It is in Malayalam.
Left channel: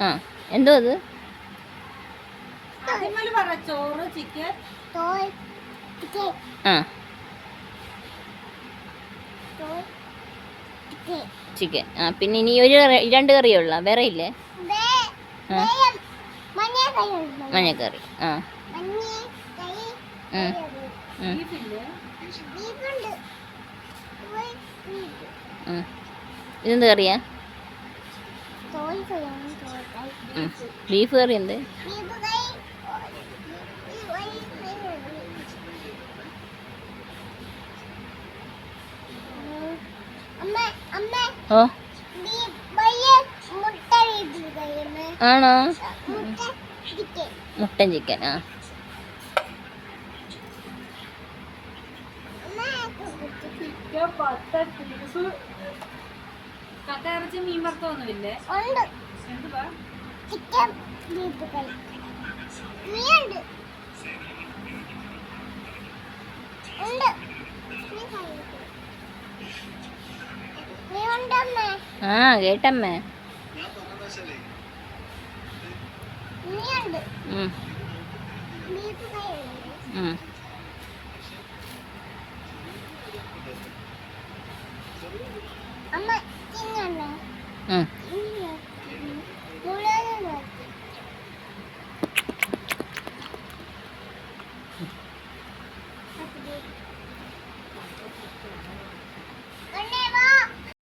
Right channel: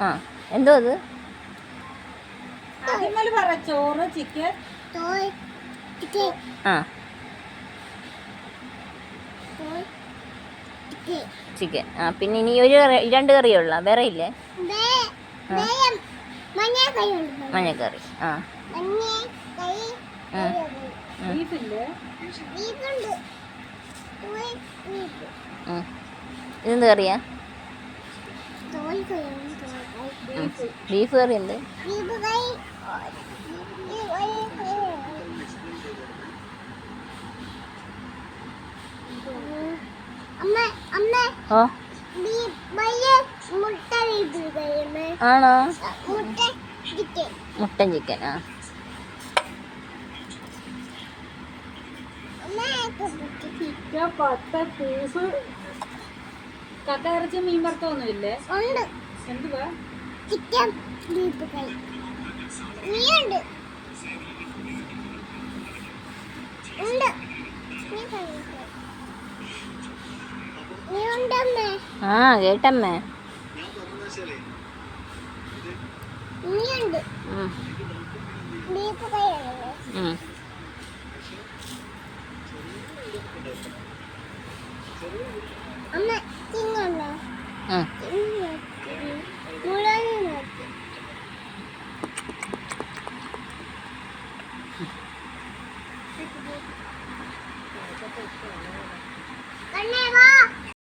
ആ എന്തോ അത് ചോറ് ചിക്കൻ ആ ചിക്കൻ ആ പിന്നെ ഇനി ഒരു കറി 2 കറിയുള്ള വേറെ ഇല്ലേ മഞ്ഞക്കറി ആ ഇതെന്ത് കറിയാ ബീഫ് കറി എന്ത് ഓ ആണോ മുട്ടൻ ചിക്കൻ ആ കക്കയിറച്ചി മീൻ വറുത്തൊന്നുമില്ലേ എന്തുവാ ആ കേട്ടമ്മേ ബീഫ് കൈ